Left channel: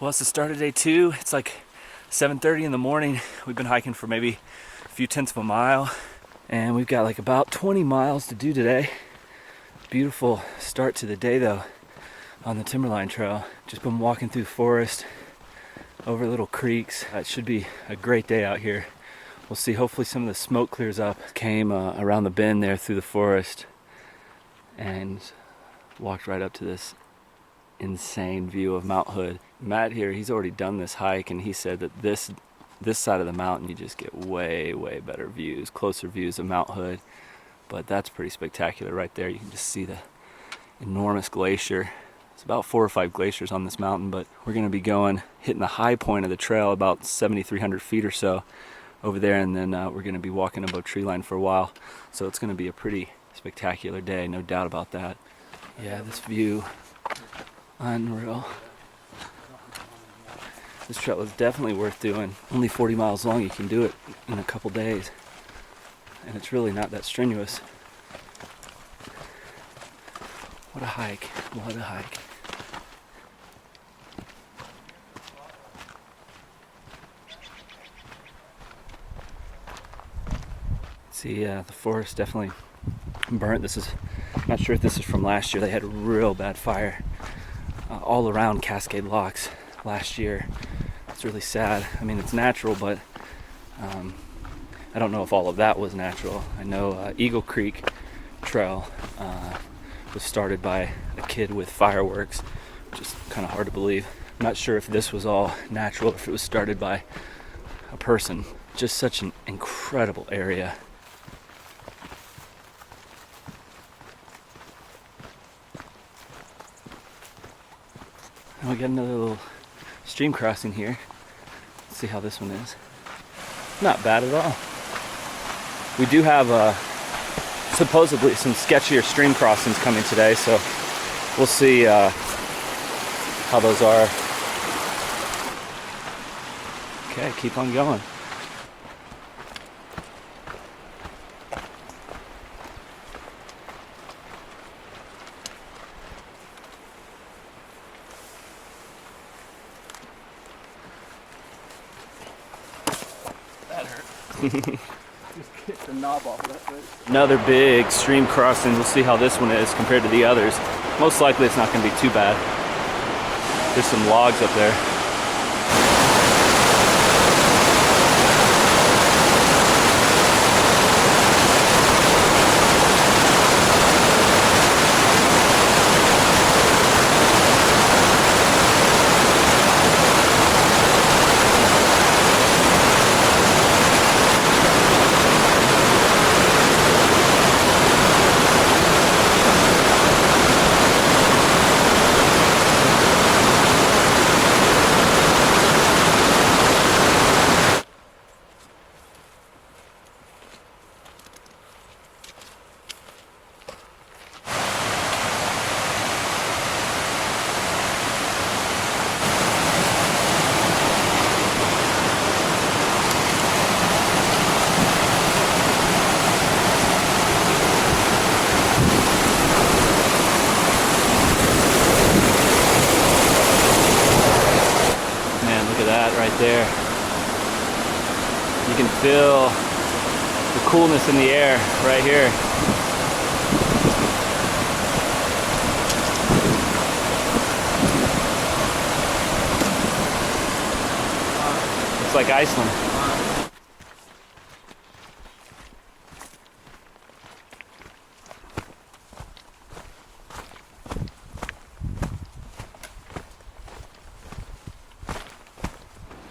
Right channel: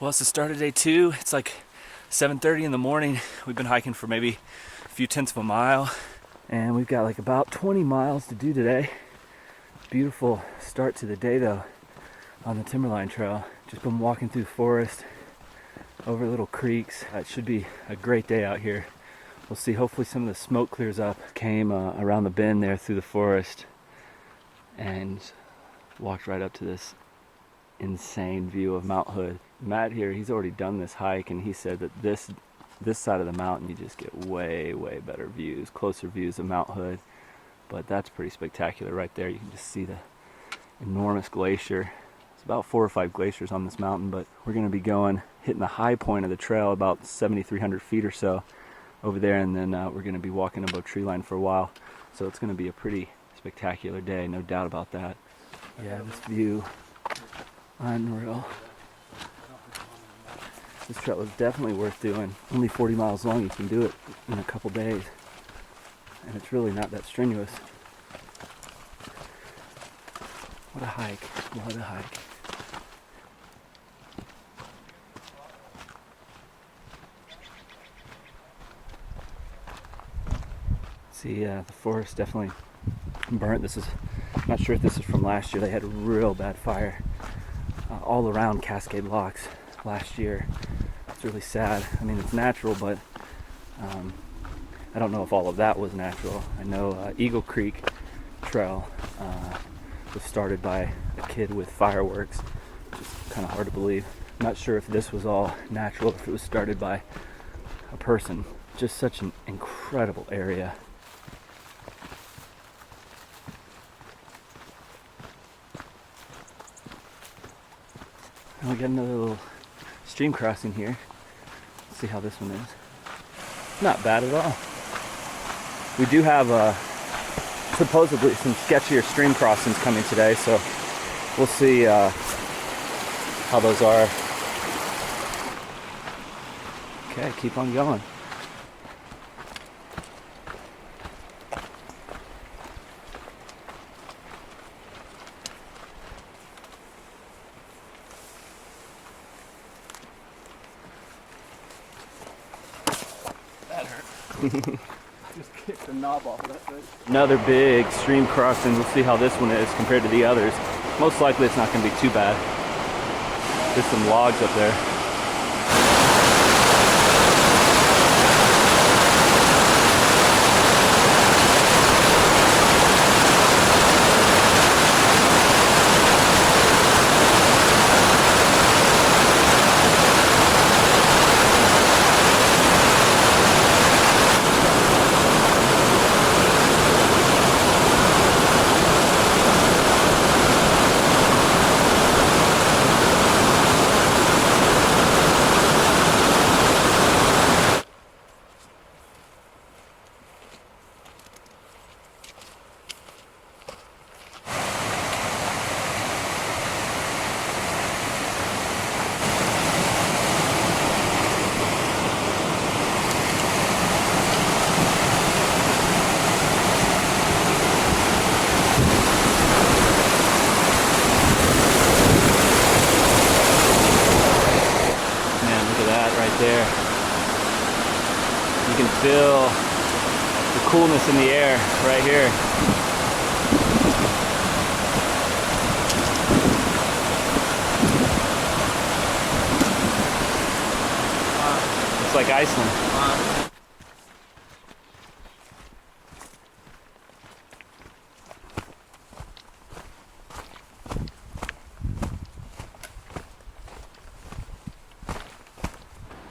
Well, it's the start of day 2. It's like 7:30 in the morning. We've been hiking for maybe a few tenths of a mile, and we've got like about 20 miles to do today. Beautiful start to the day though on the Timberline Trail. Just been walking through the forest, over little creeks. It should be a great day out here. We'll see. Hopefully some of the smoke clears up. Came around the bend there through the forest and walked right up to this insane view of Mount Hood. Matt here, he's already done this hike, and he said that this side of the mountain you just get way better views, closer views of Mount Hood. But that's pretty spectacular right there. You can just see the enormous glacier. It's about 4 or 5 glaciers on this mountain, but we're going to be hitting the high point of the trail, about 7,300 feet or so over there, and then we're going to be walking above tree line for a while. So it's going to be a pretty spectacular day, no doubt about that. Yeah, this view, unreal. This trail is definitely worth doing. Only 40 miles long. You can do it in a couple days, and it's really not that strenuous. What a hike, what a hike. See, the forest definitely burnt. I'm not sure if this is from last year. They had a real bad fire all around Cascade Locks last year. It's really sad. I mean, it's natural, but I don't know if all of that was natural. I know Eagle Creek Trail was started by a kid with fireworks, which is kind of hard to believe. I'm not sure if this was all natural, if it was started by a person. Just such an incredible area. And we got another little stream crossing here. Let's see how this one is. Not bad at all. We do have supposedly some sketchier stream crossings coming today, so we'll see how those are. Okay, keep on going. Just kicked the knob off, that's it. Another big stream crossing. We'll see how this one is compared to the others. Most likely it's not going to be too bad. There's some logs up there. There. You can feel the coolness in the air right here. It's like Iceland.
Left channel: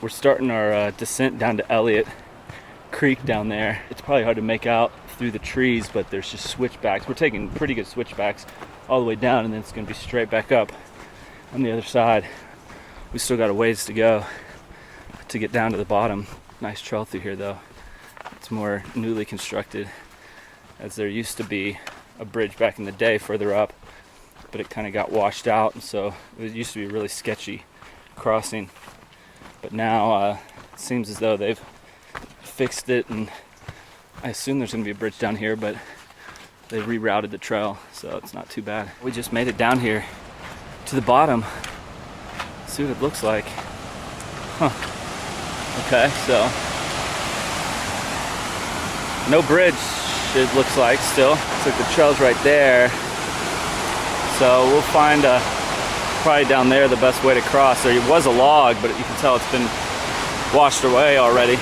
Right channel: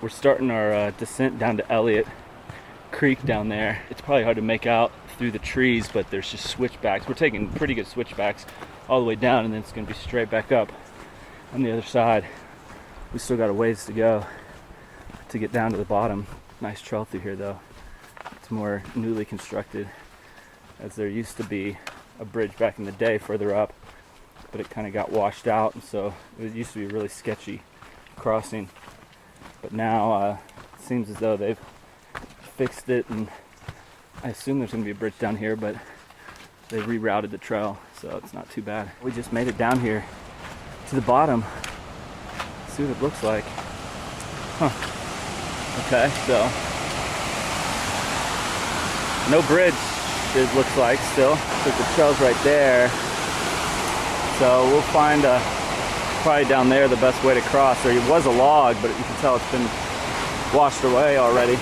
We're starting our descent down to Elliott Creek down there. It's probably hard to make out through the trees, but there's just switchbacks. We're taking pretty good switchbacks all the way down, and then it's going to be straight back up on the other side. We still got a ways to go to get down to the bottom. Nice trail through here though. It's more newly constructed, as there used to be a bridge back in the day further up, but it kind of got washed out, and so it used to be a really sketchy crossing. But now it seems as though they've fixed it, and I assume there's going to be a bridge down here, but they rerouted the trail, so it's not too bad. We just made it down here to the bottom. see what it looks like. Huh. Okay, so no bridge, it looks like still. Looks like the trail's right there. So we'll find probably down there the best way to cross. There was a log, but you can tell it's been washed away already.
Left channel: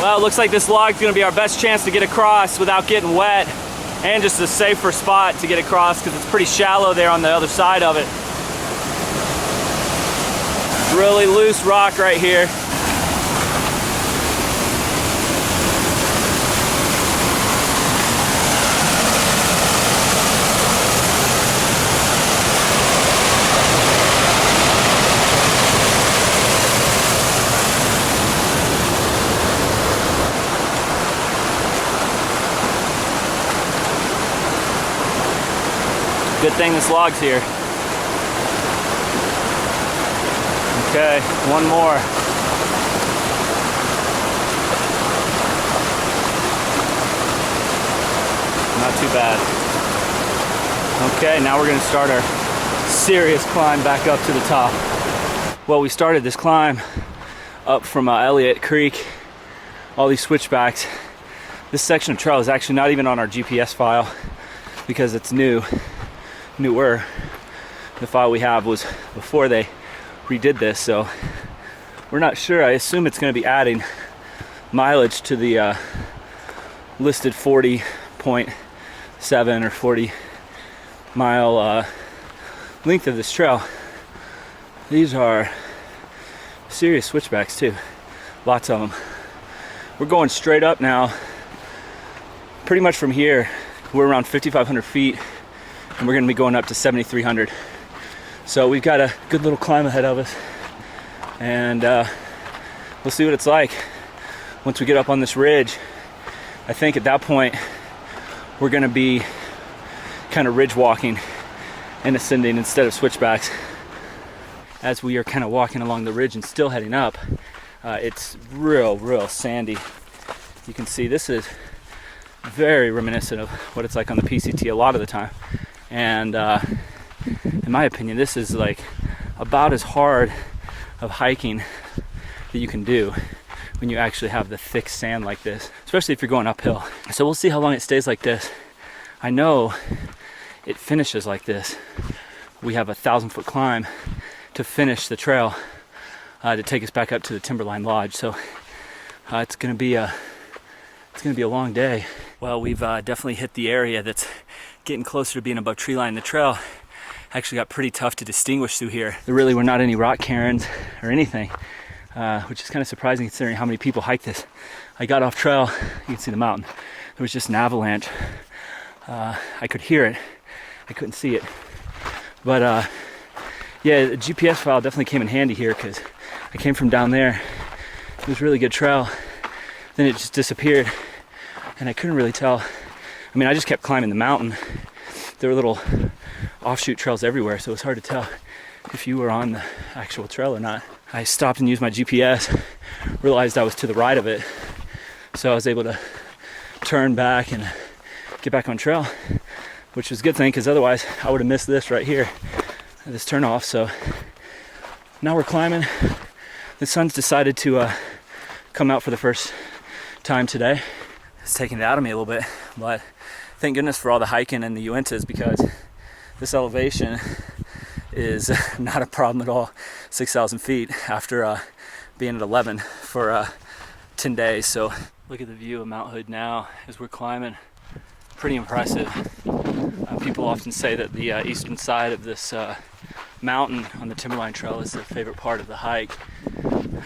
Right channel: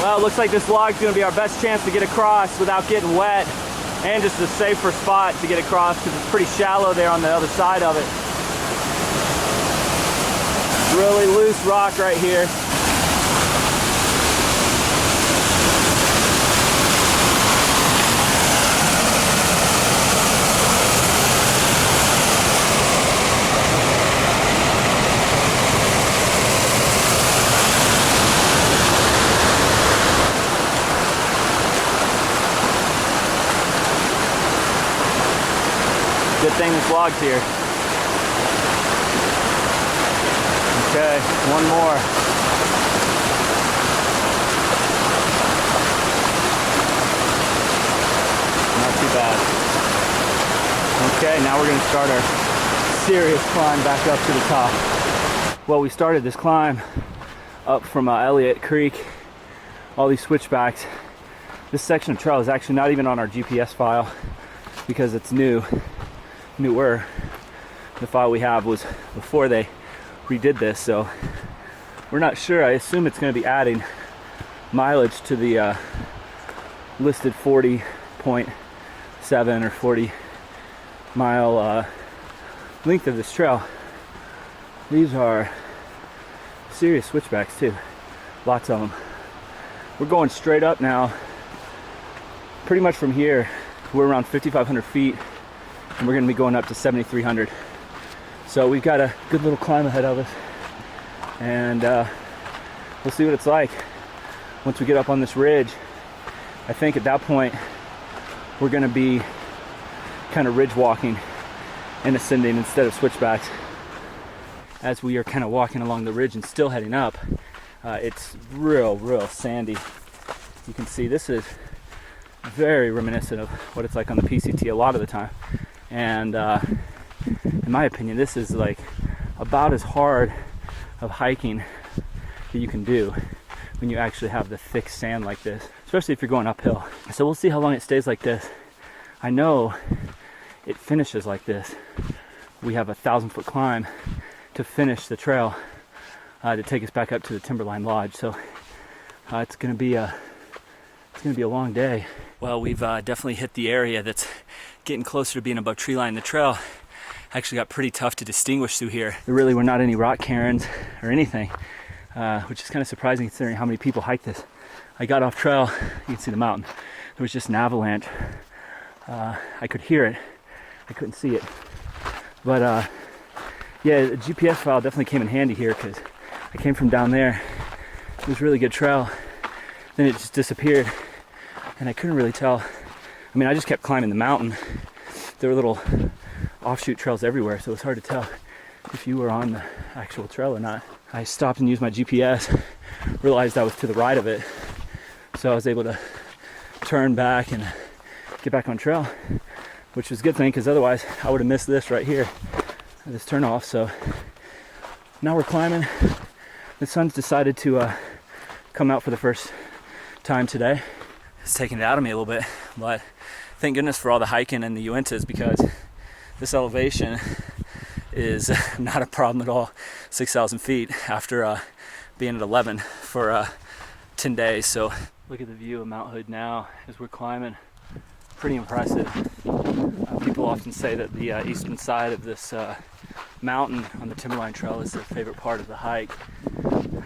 Well, it looks like this log's gonna be our best chance to get across without getting wet, and just a safer spot to get across because it's pretty shallow there on the other side of it. Really loose rock right here. Good thing this log's here. Okay, one more. Not too bad. Okay, now we're gonna start our serious climb back up to the top. Well, we started this climb up from Elliott Creek, all these switchbacks. This section of trail is actually not even on our GPS file because it's newer. The file we have was before they redid this, so we're not sure. I assume it's going to be adding mileage to the listed 40.7 or 40 mile length of this trail. These are serious switchbacks too, lots of them. We're going straight up now. Pretty much from here we're around 5,500 feet, and we're going to be going up to 7,300. So we've got a good little climb ahead of us, and we'll see what it's like once we get up on this ridge. I think at that point we're going to be kind of ridge walking and ascending instead of switchbacks. As we are kind of walking along the ridge and still heading up, it's real sandy. You can see this is very reminiscent of what it's like on the PCT a lot of the time, and in my opinion this is like about as hard of hiking that you can do when you actually have the thick sand like this, especially if you're going uphill. So we'll see how long it stays like this. I know it finishes like this. We have a 1,000-foot climb to finish the trail to take us back up to the Timberline Lodge. So it's gonna be a long day. Well, we've definitely hit the area that's getting closer to being above tree line. The trail actually got pretty tough to distinguish through here. There really were not any rock cairns or anything, which is kind of surprising considering how many people hike this. I got off trail, you can see the mountain. There was just an avalanche. I could hear it, I couldn't see it. But yeah, the GPS file definitely came in handy here because I came from down there. It was a really good trail. Then it just disappeared, and I couldn't really tell. I mean, I just kept climbing the mountain. There were little offshoot trails everywhere, so it was hard to tell if you were on the actual trail or not. I stopped and used my GPS, realized I was to the right of it, so I was able to turn back and get back on trail, which was a good thing because otherwise I would have missed this right here, this turn off. So now we're climbing. The sun's decided to come out for the first time today. It's taking it out of me a little bit, but thank goodness for all the hiking and the Uintas, because this elevation is not a problem at all. 6,000 feet after being at 11 for 10 days. So look at the view of Mount Hood now as we're climbing. Pretty impressive. People often say that the eastern side of this mountain on the Timberline Trail is their favorite part of the hike.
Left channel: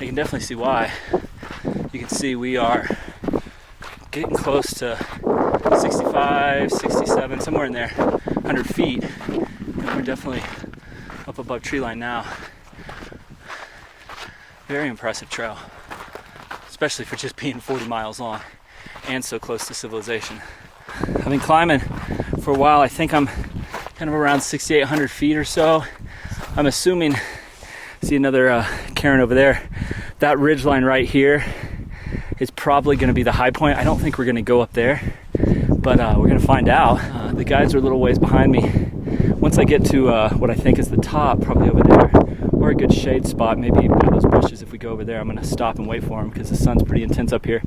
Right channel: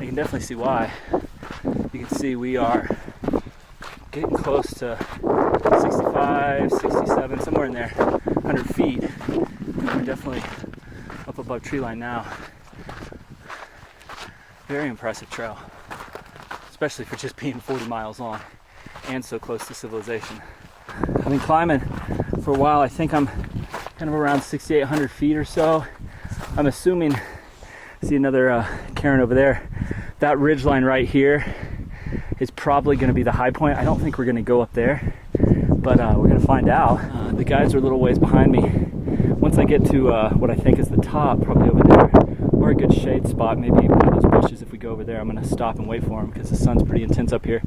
I can definitely see why. You can see we are getting close to 65, 67, somewhere in there, 100 feet. And we're definitely up above tree line now. Very impressive trail, especially for just being 40 miles long and so close to civilization. I've been climbing for a while. I think I'm kind of around 6,800 feet or so. I'm assuming, see another cairn over there. That ridge line right here is probably going to be the high point. I don't think we're going to go up there, but we're going to find out. The guides are a little ways behind me. Once I get to what I think is the top, probably over there, or a good shade spot, maybe by those bushes, if we go over there, I'm going to stop and wait for them because the sun's pretty intense up here.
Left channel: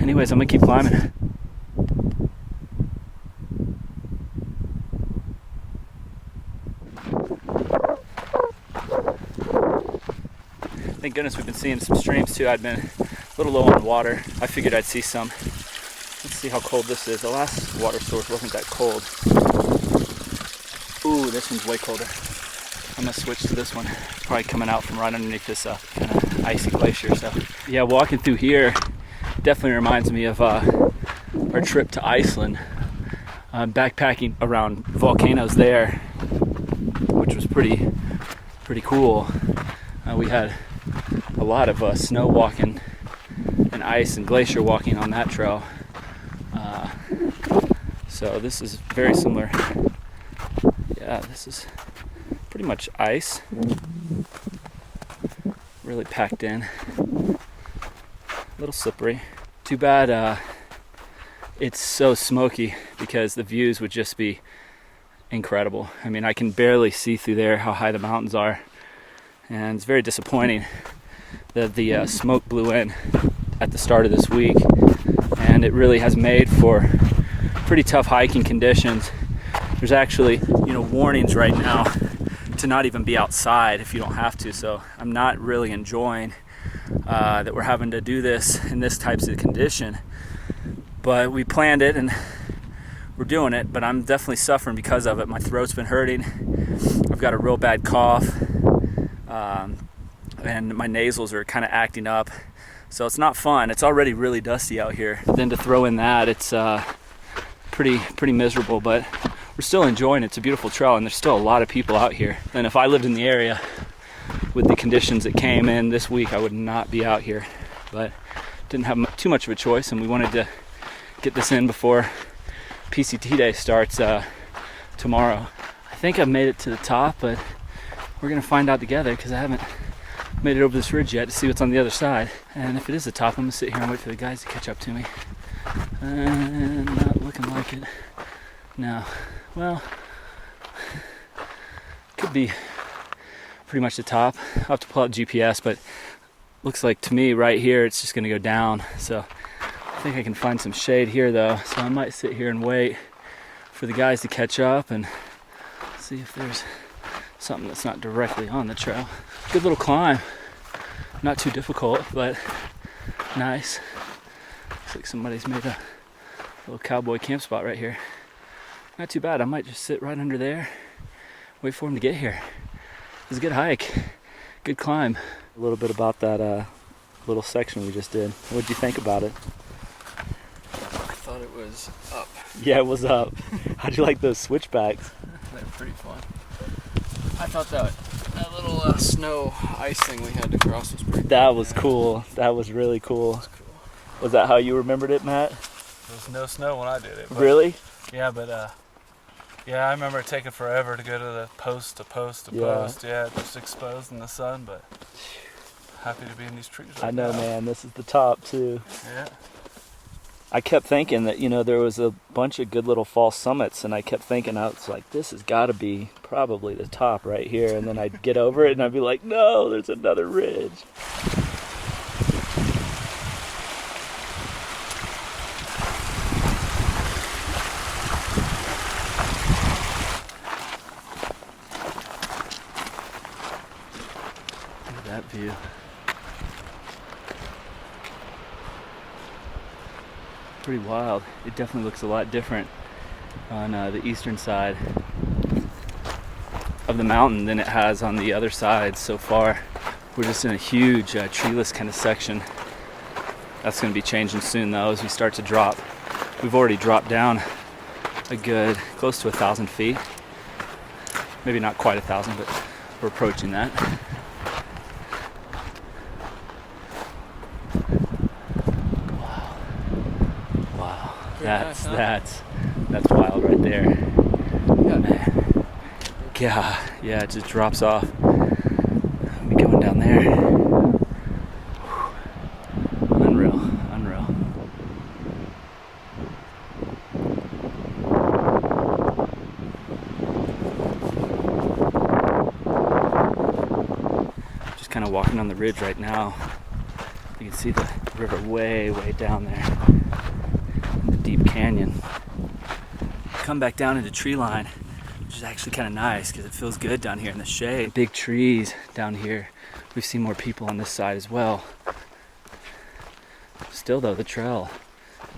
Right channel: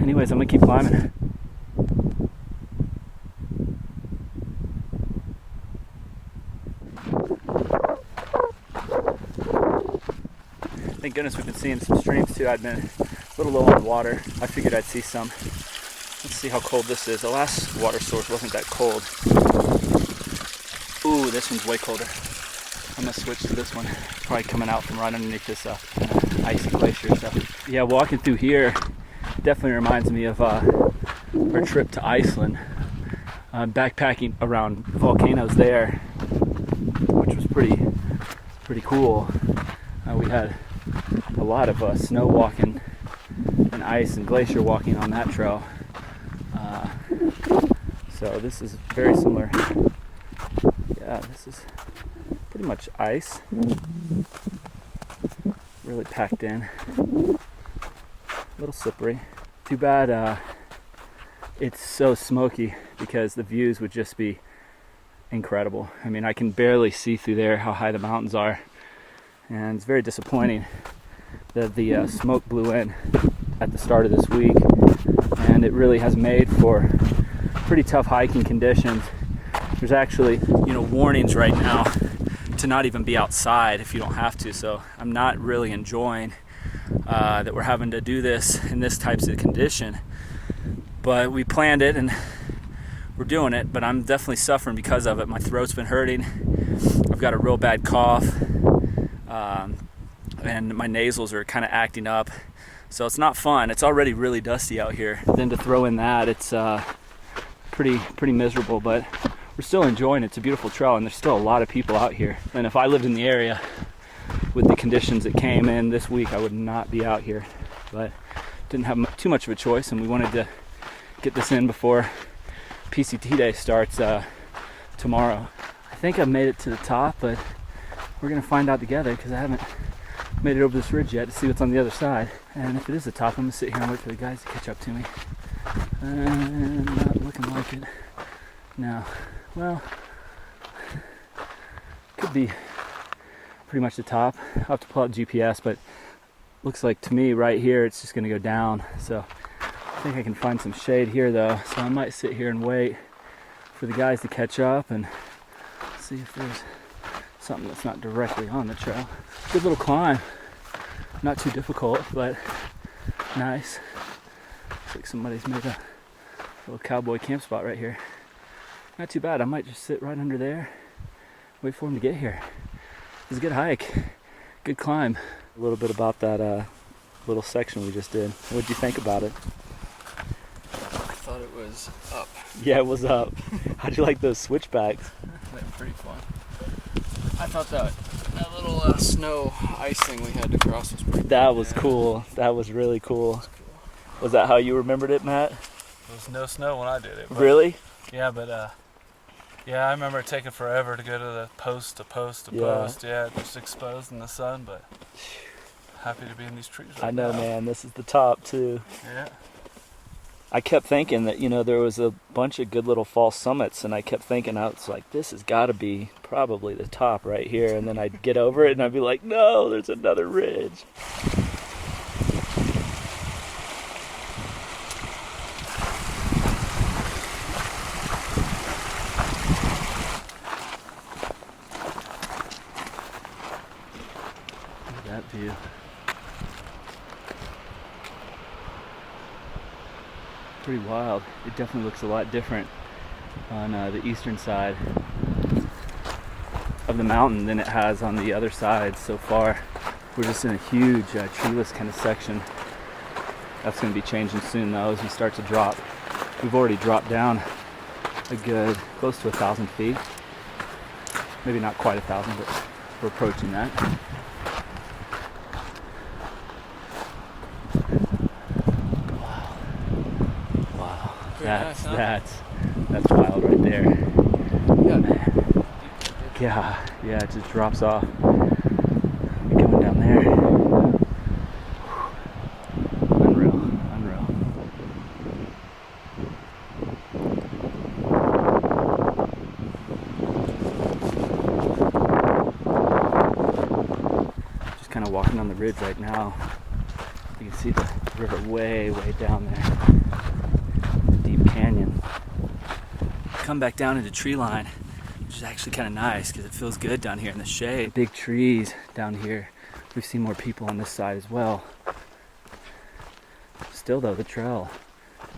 Anyways, I'm going to keep climbing. Thank goodness we've been seeing some streams too. I'd been a little low on water. I figured I'd see some. Let's see how cold this is. The last water source wasn't that cold. Ooh, this one's way colder. I'm gonna switch to this one. Probably coming out from right underneath this kind of icy glacier. So yeah, walking through here definitely reminds me of our trip to Iceland. Backpacking around volcanoes there, which was pretty cool. We had a lot of snow walking and ice and glacier walking on that trail. So this is very similar. Yeah, this is pretty much ice. Really packed in. A little slippery. Too bad it's so smoky because the views would just be incredible. I mean, I can barely see through there how high the mountains are. And it's very disappointing that the smoke blew in at the start of this week, and it really has made for pretty tough hiking conditions. There's actually, warnings right now to not even be outside if you don't have to. So I'm not really enjoying that we're having to do this in this types of condition. But we planned it and we're doing it. But I'm definitely suffering because of it. My throat's been hurting. I've got a real bad cough. And my nasals are kind of acting up, so it's not fun. It's already really dusty out here. Then to throw in that, it's pretty miserable, but we're still enjoying it. It's a beautiful trail, and there's still a lot of people out here. And if I lived in the area with the conditions that came in this week, I would not be out here, but didn't have too much of a choice, and we wanted to get this in before PCT day starts tomorrow. I think I've made it to the top, but we're gonna find out together because I haven't made it over this ridge yet to see what's on the other side. And if it is the top, I'm gonna sit here and wait for the guys to catch up to me. And not looking like it. No. Well, could be pretty much the top. I'll have to pull out GPS, but looks like to me right here it's just gonna go down. So I think I can find some shade here though. So I might sit here and wait for the guys to catch up and see if there's something that's not directly on the trail. Good little climb. Not too difficult, but nice. Looks like somebody's made a little cowboy camp spot right here. Not too bad. I might just sit right under there, wait for him to get here. It was a good hike, good climb. A little bit about that little section we just did. What'd you think about it? I thought it was up. Yeah, it was up. How'd you like those switchbacks? They were pretty fun. I thought that little snow ice thing we had to cross was pretty That was cool. That was really cool. That was cool. Was that how you remembered it, Matt? There was no snow when I did it. Really? Yeah, but I remember it taking forever to go to the post to post. Yeah, just exposed in the sun, but happy to be in these trees right I know, now. man. This is the top, too. Yeah. I kept thinking that, there was a bunch of good little false summits, and I kept thinking, I was like, this has got to be probably the top right here. And then I'd get over it, and I'd be like, no, there's another ridge. Look at that view. Pretty wild. It definitely looks a lot different on the eastern side of the mountain than it has on the other side so far. We're just in a huge treeless kind of section. That's going to be changing soon though as we start to drop. We've already dropped down a good close to 1,000 feet. Maybe not quite 1,000, but we're approaching that. That's wild right there. Yeah, man. Yeah, it just drops off. I'll be going down there. Unreal. walking on the ridge right now. You can see the river way, way down there in the deep canyon. Come back down into tree line, which is actually kind of nice because it feels good down here in the shade. Big trees down here. We've seen more people on this side as well. Still though, the trail,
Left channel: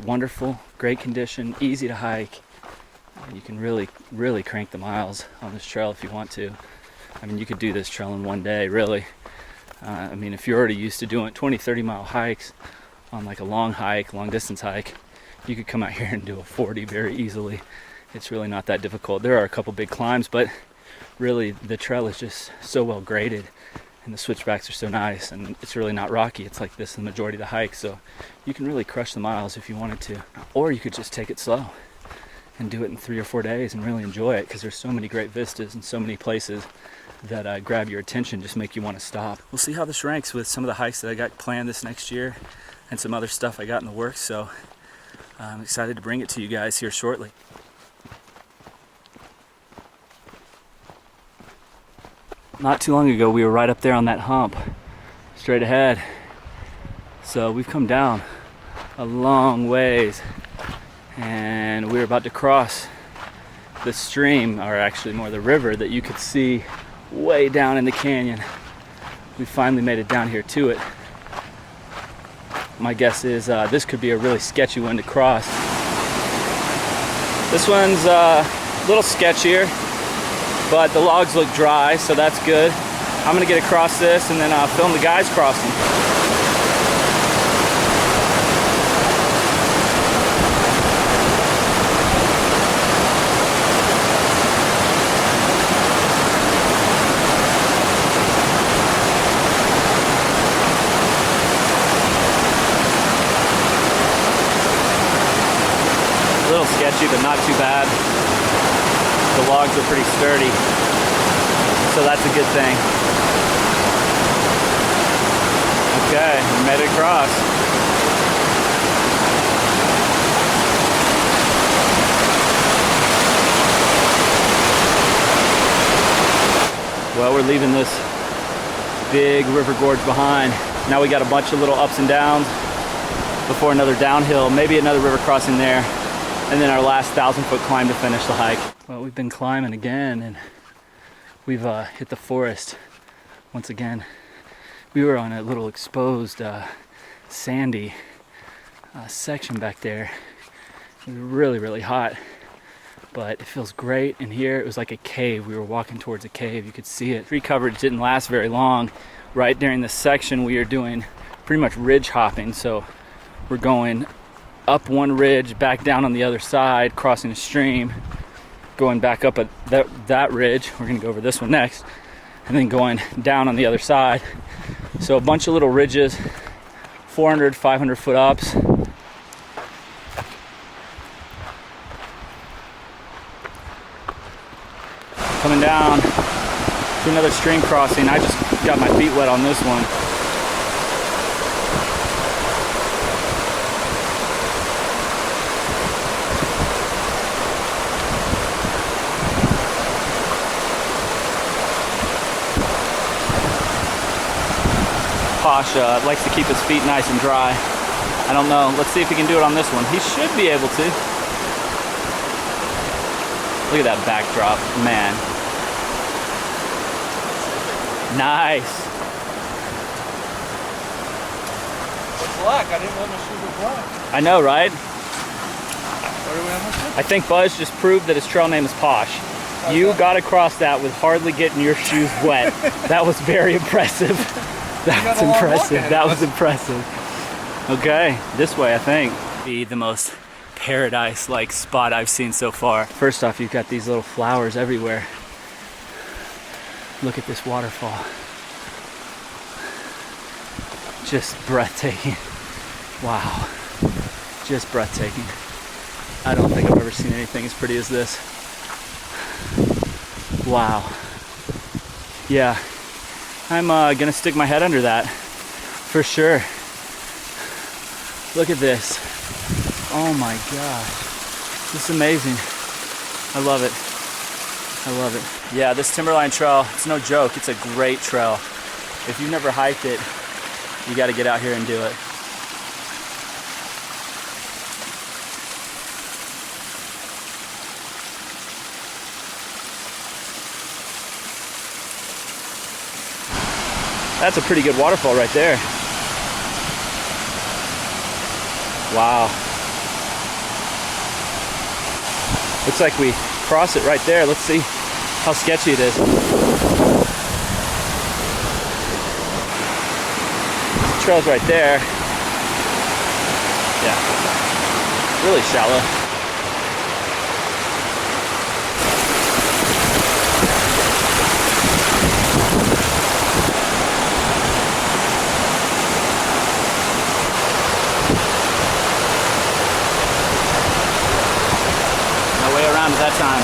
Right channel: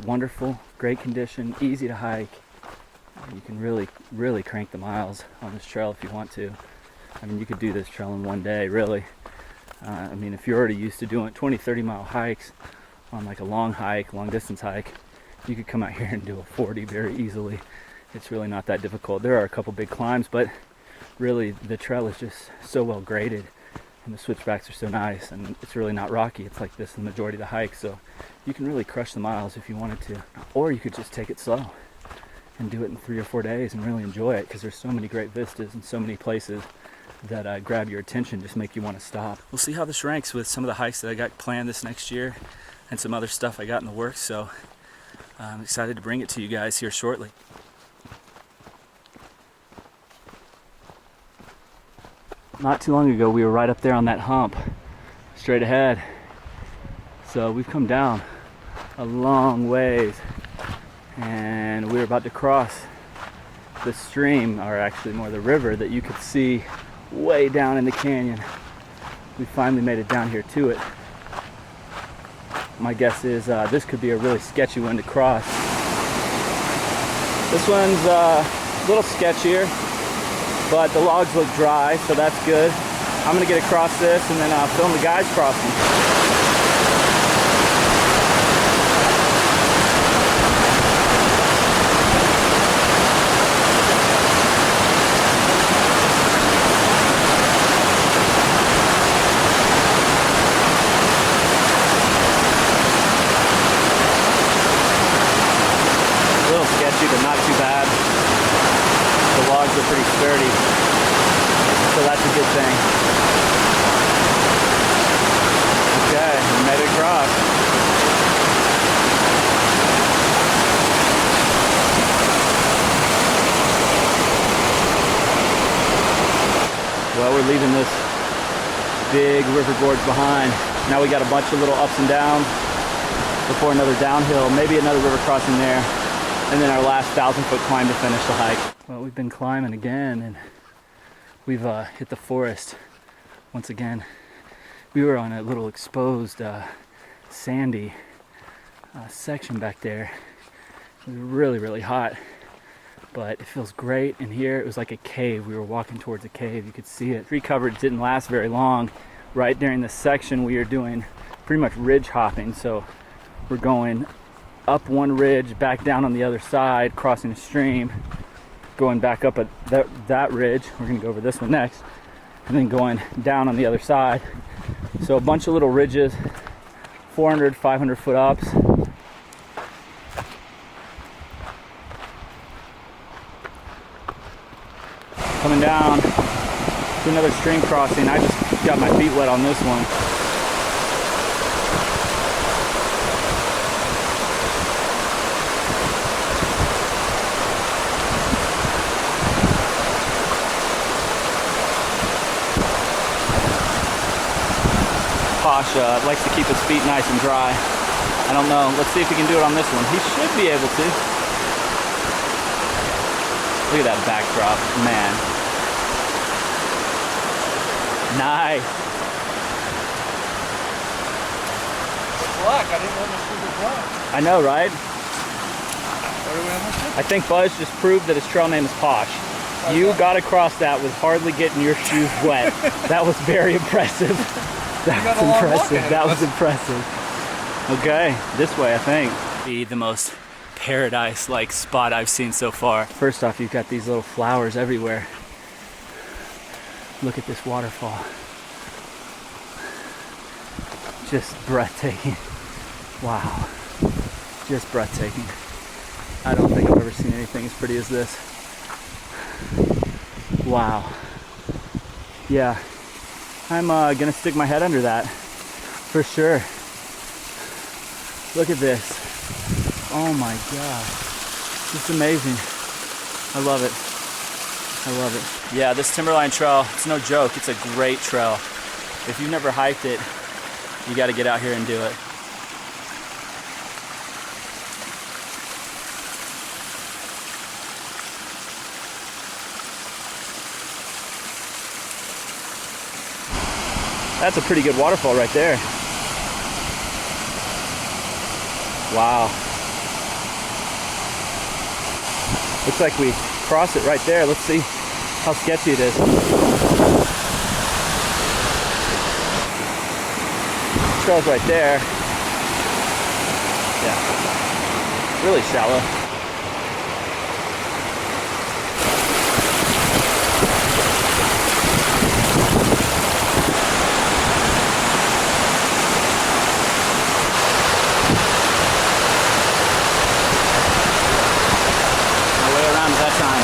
wonderful, great condition, easy to hike. You can really, really crank the miles on this trail if you want to. I mean, you could do this trail in one day, really. I mean, if you're already used to doing 20, 30 mile hikes on like a long distance hike, you could come out here and do a 40 very easily. It's really not that difficult. There are a couple big climbs, but really the trail is just so well graded and the switchbacks are so nice, and it's really not rocky. It's like this the majority of the hike, so you can really crush the miles if you wanted to. Or you could just take it slow and do it in 3 or 4 days and really enjoy it, because there's so many great vistas and so many places that grab your attention, just make you want to stop. We'll see how this ranks with some of the hikes that I got planned this next year and some other stuff I got in the works, so I'm excited to bring it to you guys here shortly. Not too long ago, we were right up there on that hump, straight ahead. So we've come down a long ways, and we were about to cross the stream, or actually more the river, that you could see way down in the canyon. We finally made it down here to it. My guess is this could be a really sketchy one to cross. This one's a little sketchier, but the logs look dry, so that's good. I'm gonna get across this and then film the guys crossing. A little sketchy, but not too bad. The logs are pretty sturdy, so that's a good thing. Okay, we made it across. Well, we're leaving this big river gorge behind. Now we got a bunch of little ups and downs before another downhill, maybe another river crossing there, and then our last 1,000-foot climb to finish the hike. Well, we've been climbing again, and we've hit the forest once again. We were on a little exposed, sandy section back there. It was really, really hot, but it feels great in here. It was like a cave. We were walking towards a cave. You could see it. Tree coverage didn't last very long. Right during this section, we are doing pretty much ridge hopping. So we're going up one ridge, back down on the other side, crossing a stream, going back up at that ridge. We're gonna go over this one next, and then going down on the other side. So a bunch of little ridges, 400, 500 foot ups. Coming down to another stream crossing. I just got my feet wet on this one. Posh likes to keep his feet nice and dry. I don't know. Let's see if he can do it on this one. He should be able to. Look at that backdrop, man. Nice. It's black. I didn't know the shoes were black. I know, right? What are we on this one? I think Buzz just proved that his trail name is Posh. You got across that with hardly getting your shoes wet. That was very impressive. That was impressive. That was impressive. Okay, this way I think. Be the most paradise-like spot I've seen so far. First off, you've got these little flowers everywhere. Look at this waterfall. Just breathtaking. Wow. Just breathtaking. I don't think I've ever seen anything as pretty as this. Wow. Yeah. I'm gonna stick my head under that for sure. Look at this. Oh my gosh. This is amazing. I love it. I love it. Yeah, this Timberline Trail, it's no joke. It's a great trail. If you've never hiked it, you got to get out here and do it. That's a pretty good waterfall right there. Wow. Looks like we cross it right there. Let's see how sketchy it is. Trail's right there. Yeah. Really shallow. That time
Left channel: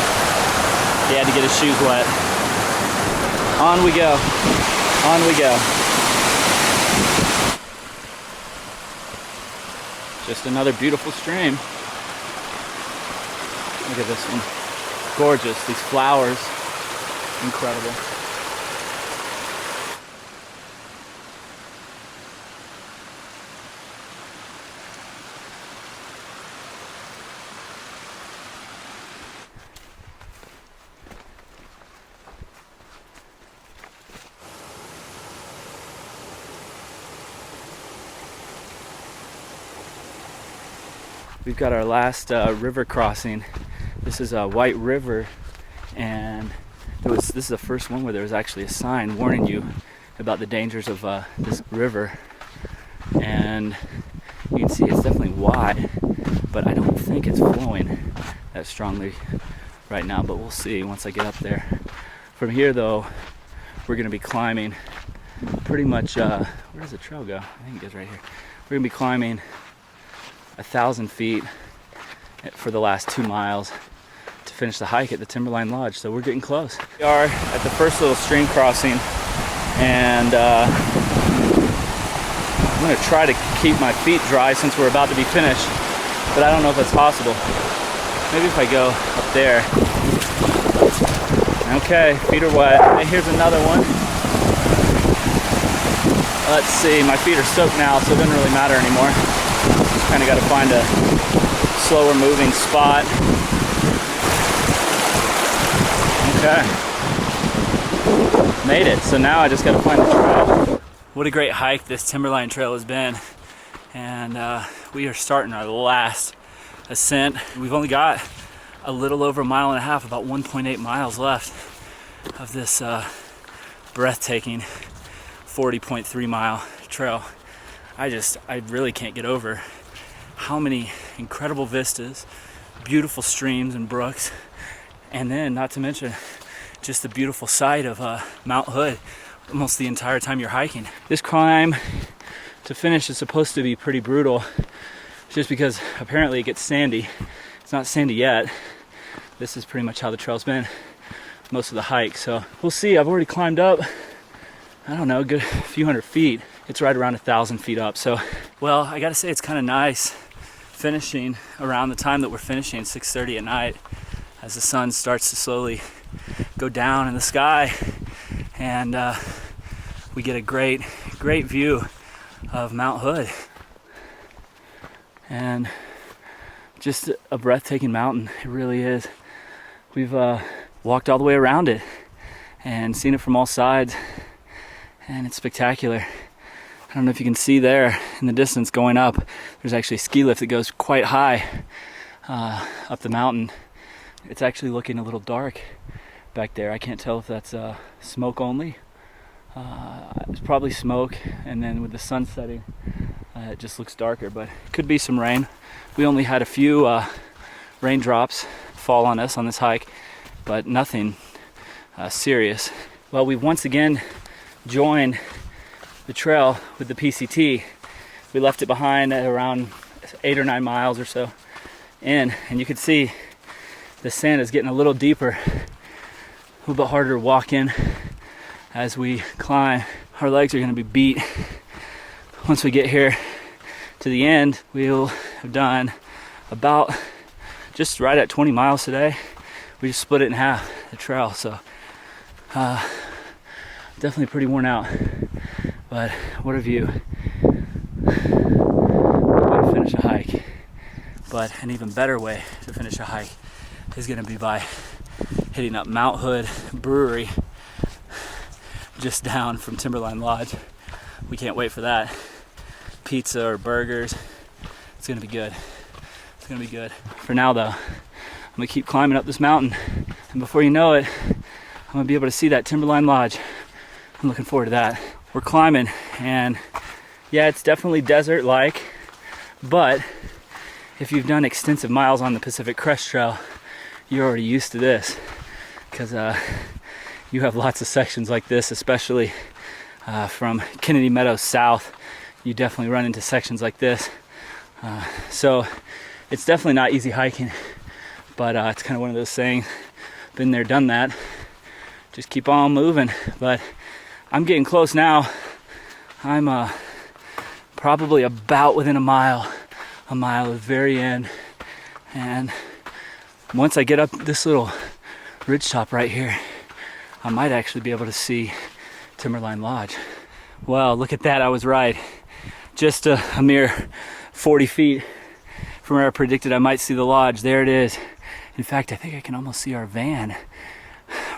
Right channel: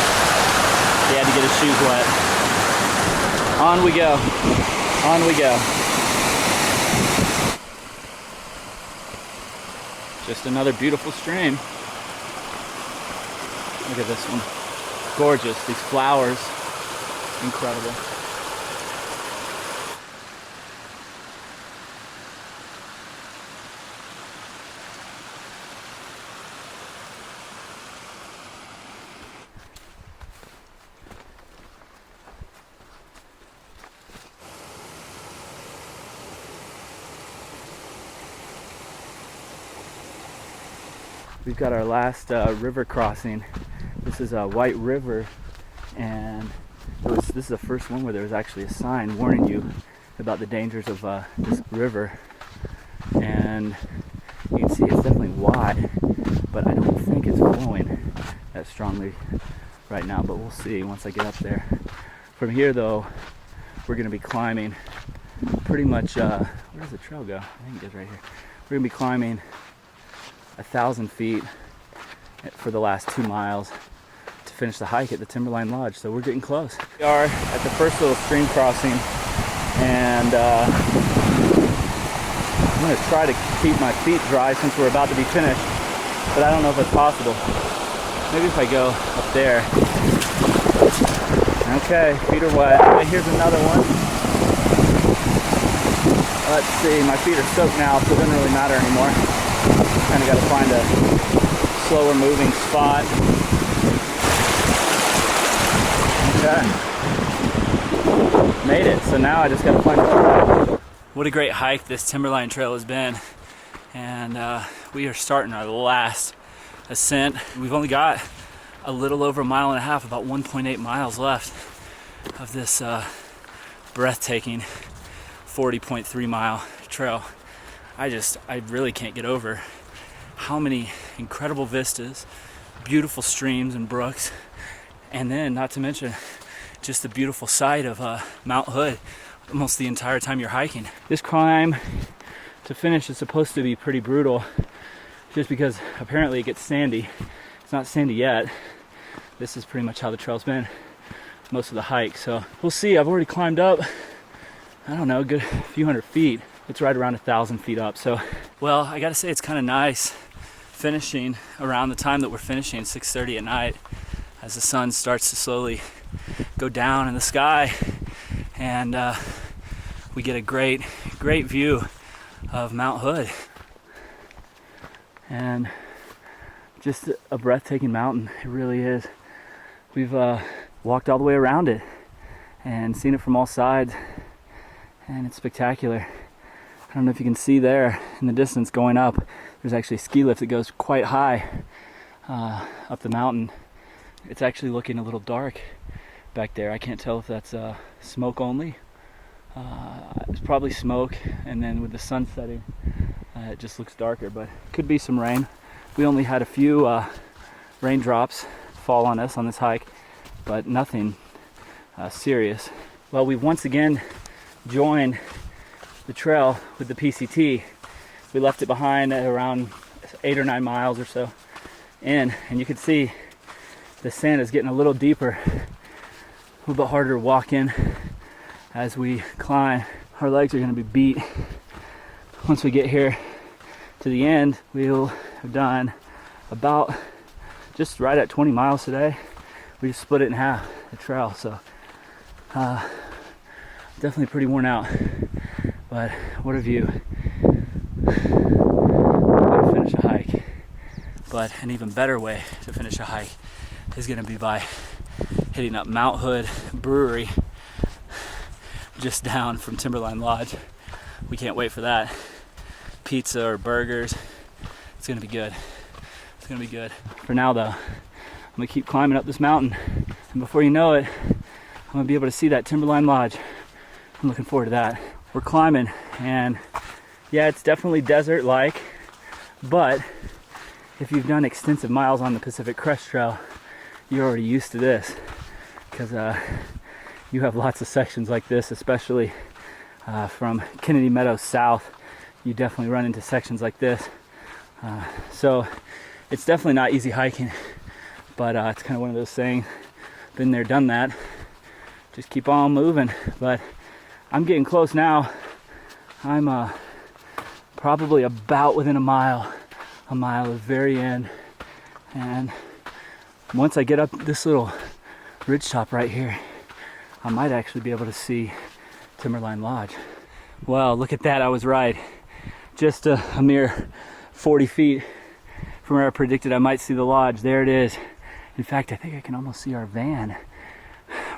he had to get his shoes wet. On we go. On we go. Just another beautiful stream. Look at this one. Gorgeous. These flowers. Incredible. We've got our last river crossing. This is a White River, and this is the first one where there was actually a sign warning you about the dangers of this river. And you can see it's definitely wide, but I don't think it's flowing that strongly right now, but we'll see once I get up there. From here though, we're gonna be climbing pretty much, where does the trail go? I think it goes right here. We're gonna be climbing 1,000 feet for the last 2 miles to finish the hike at the Timberline Lodge, so we're getting close. We are at the first little stream crossing, and I'm going to try to keep my feet dry since we're about to be finished, but I don't know if it's possible. Maybe if I go up there. Okay, feet are wet. And here's another one. Let's see, my feet are soaked now, so it doesn't really matter anymore. Kind of got to find a slower moving spot. Okay. Made it. So now I just got to find the trail. What a great hike this Timberline Trail has been. And we are starting our last ascent. We've only got a little over 1.5 miles, about 1.8 miles left of this breathtaking 40.3 mile trail. I really can't get over how many incredible vistas, beautiful streams and brooks, and then not to mention just the beautiful sight of Mount Hood almost the entire time you're hiking. This climb to finish is supposed to be pretty brutal just because apparently it gets sandy. It's not sandy yet. This is pretty much how the trail's been most of the hike, so we'll see. I've already climbed up, I don't know, a good few hundred feet. It's right around 1,000 feet up, so well, I gotta say it's kind of nice finishing around the time that we're finishing, 6:30 at night, as the sun starts to slowly go down in the sky, and we get a great view of Mount Hood, and just a breathtaking mountain. It really is. We've walked all the way around it and seen it from all sides, and it's spectacular. I don't know if you can see there in the distance going up, there's actually a ski lift that goes quite high up the mountain. It's actually looking a little dark back there. I can't tell if that's smoke only. It's probably smoke, and then with the sun setting, it just looks darker, but could be some rain. We only had a few raindrops fall on us on this hike, but nothing serious. Well, we've once again joined the trail with the PCT. We left it behind at around 8 or 9 miles or so in, and you can see the sand is getting a little deeper, a little bit harder to walk in as we climb. Our legs are going to be beat. Once we get here to the end, we'll have done about just right at 20 miles today. We just split it in half, the trail, so definitely pretty worn out. But what a view. What a way to finish a hike. But an even better way to finish a hike is gonna be by hitting up Mount Hood Brewery just down from Timberline Lodge. We can't wait for that. Pizza or burgers. It's gonna be good. It's gonna be good. For now though, I'm gonna keep climbing up this mountain. And before you know it, I'm gonna be able to see that Timberline Lodge. I'm looking forward to that. We're climbing, and yeah, it's definitely desert-like, but if you've done extensive miles on the Pacific Crest Trail, you're already used to this, because you have lots of sections like this, especially from Kennedy Meadows south. You definitely run into sections like this. So it's definitely not easy hiking, but it's kind of one of those things, been there, done that. Just keep on moving. But I'm getting close now. I'm probably about within a mile of the very end. And once I get up this little ridge top right here, I might actually be able to see Timberline Lodge. Wow, look at that, I was right. Just a mere 40 feet from where I predicted I might see the lodge. There it is. In fact, I think I can almost see our van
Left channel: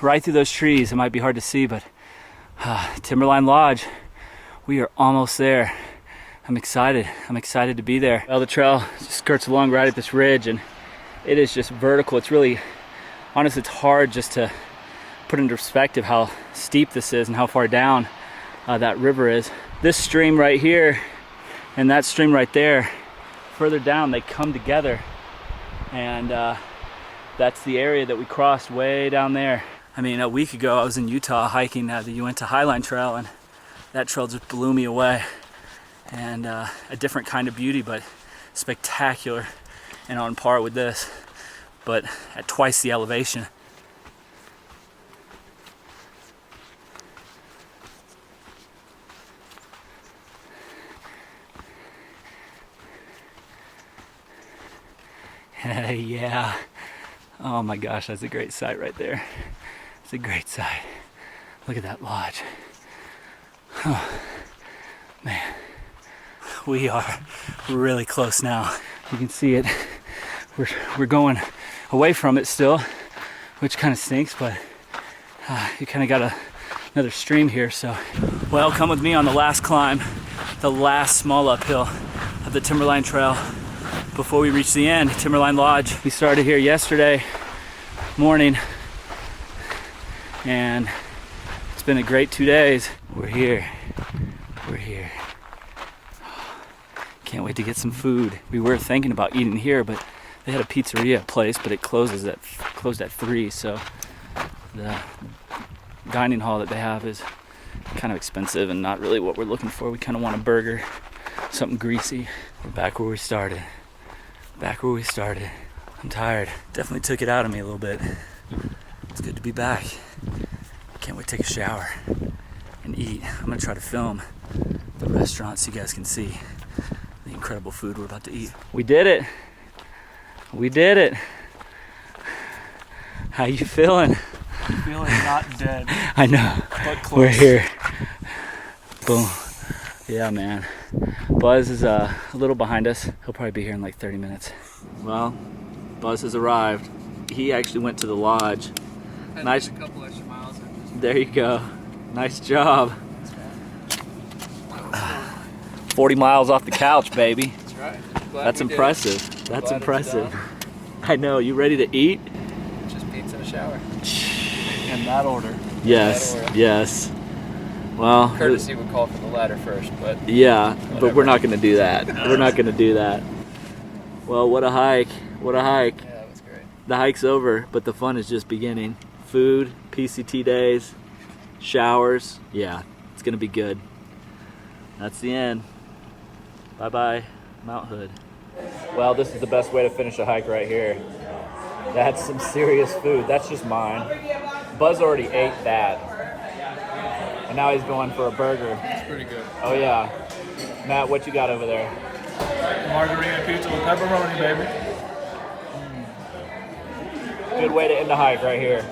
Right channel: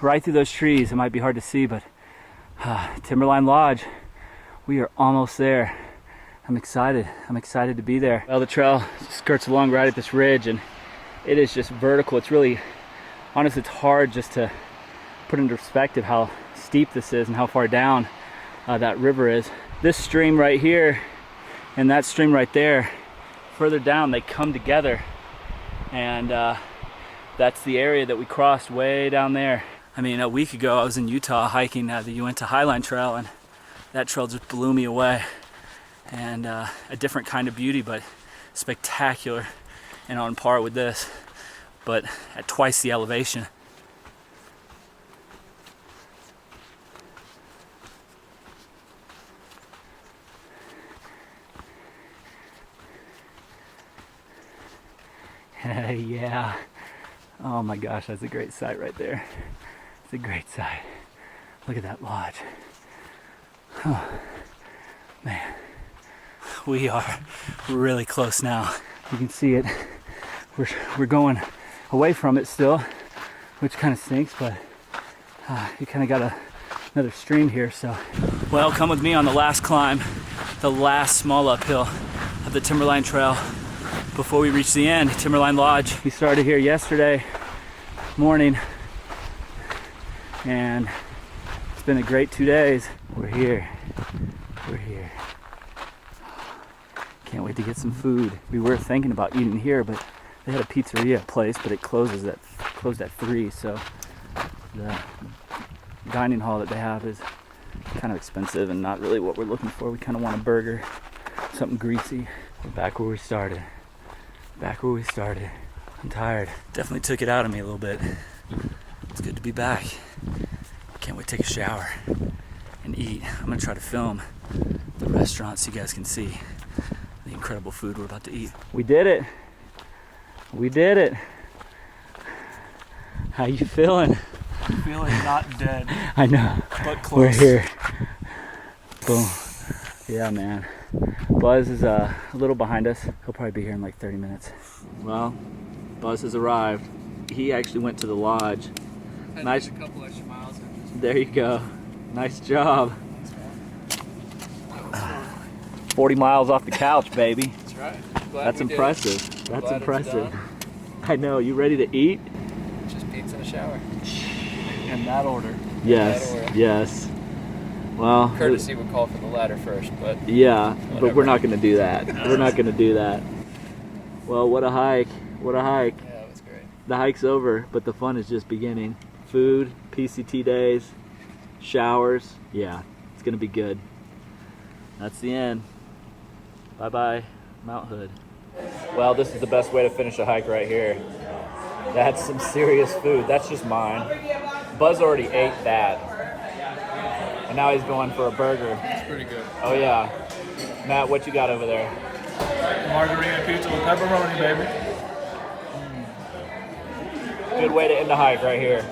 right through those trees. It might be hard to see, but Timberline Lodge, we are almost there. I'm excited to be there. Well, the trail skirts along right at this ridge, and it is just vertical. It's really, honestly, it's hard just to put into perspective how steep this is and how far down that river is. This stream right here and that stream right there, further down, they come together, and that's the area that we crossed way down there. I mean, a week ago I was in Utah hiking the Uinta Highline Trail, and that trail just blew me away. And a different kind of beauty, but spectacular and on par with this, but at twice the elevation. Yeah. Oh my gosh, that's a great sight right there. It's a great sight. Look at that lodge. Oh, man. We are really close now. You can see it. We're going away from it still, which kind of stinks, but you kind of got another stream here, so. Well, come with me on the last climb, the last small uphill of the Timberline Trail before we reach the end, Timberline Lodge. We started here yesterday morning, and it's been a great 2 days. We're here. Can't wait to get some food. We were thinking about eating here, but they had a pizzeria place, but it closed at 3, so the dining hall that they have is kind of expensive and not really what we're looking for. We kind of want a burger, something greasy. We're back where we started. I'm tired. Definitely took it out of me a little bit. It's good to be back. Can't wait to take a shower and eat. I'm gonna try to film the restaurant so you guys can see the incredible food we're about to eat. We did it. How you feeling? I'm feeling not dead. I know. But close. We're here. Boom. Yeah, man. Buzz is a little behind us. He'll probably be here in like 30 minutes. Well, Buzz has arrived. He actually went to the lodge. Nice. A couple extra miles. There you go. Nice job. 40 miles off the couch, baby. That's right. That's impressive. That's impressive. I know. You ready to eat? Just pizza and a shower. In that order. Yes. Yes. Well, Courtesy would call for the latter first, but yeah, whatever. but we're not going to do that. We're not going to do that. Well, what a hike. What a hike. yeah, it was great. The hike's over, but the fun is just beginning. Food, PCT days, showers. Yeah, it's going to be good. That's the end. Bye-bye, Mount Hood. Well, this is the best way to finish a hike right here. That's some serious food. That's just mine. Buzz already ate that. And now he's going for a burger. It's pretty good. Oh yeah. Matt, what you got over there? Margarita pizza with pepperoni, baby. Good way to end the hike right here.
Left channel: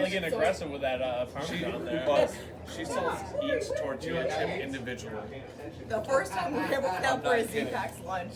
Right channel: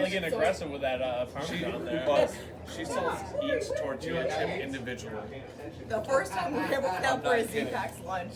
really getting aggressive with that Parmesan there. But she sells each tortilla chip individually. The first time we ever went out for a Zpacks lunch,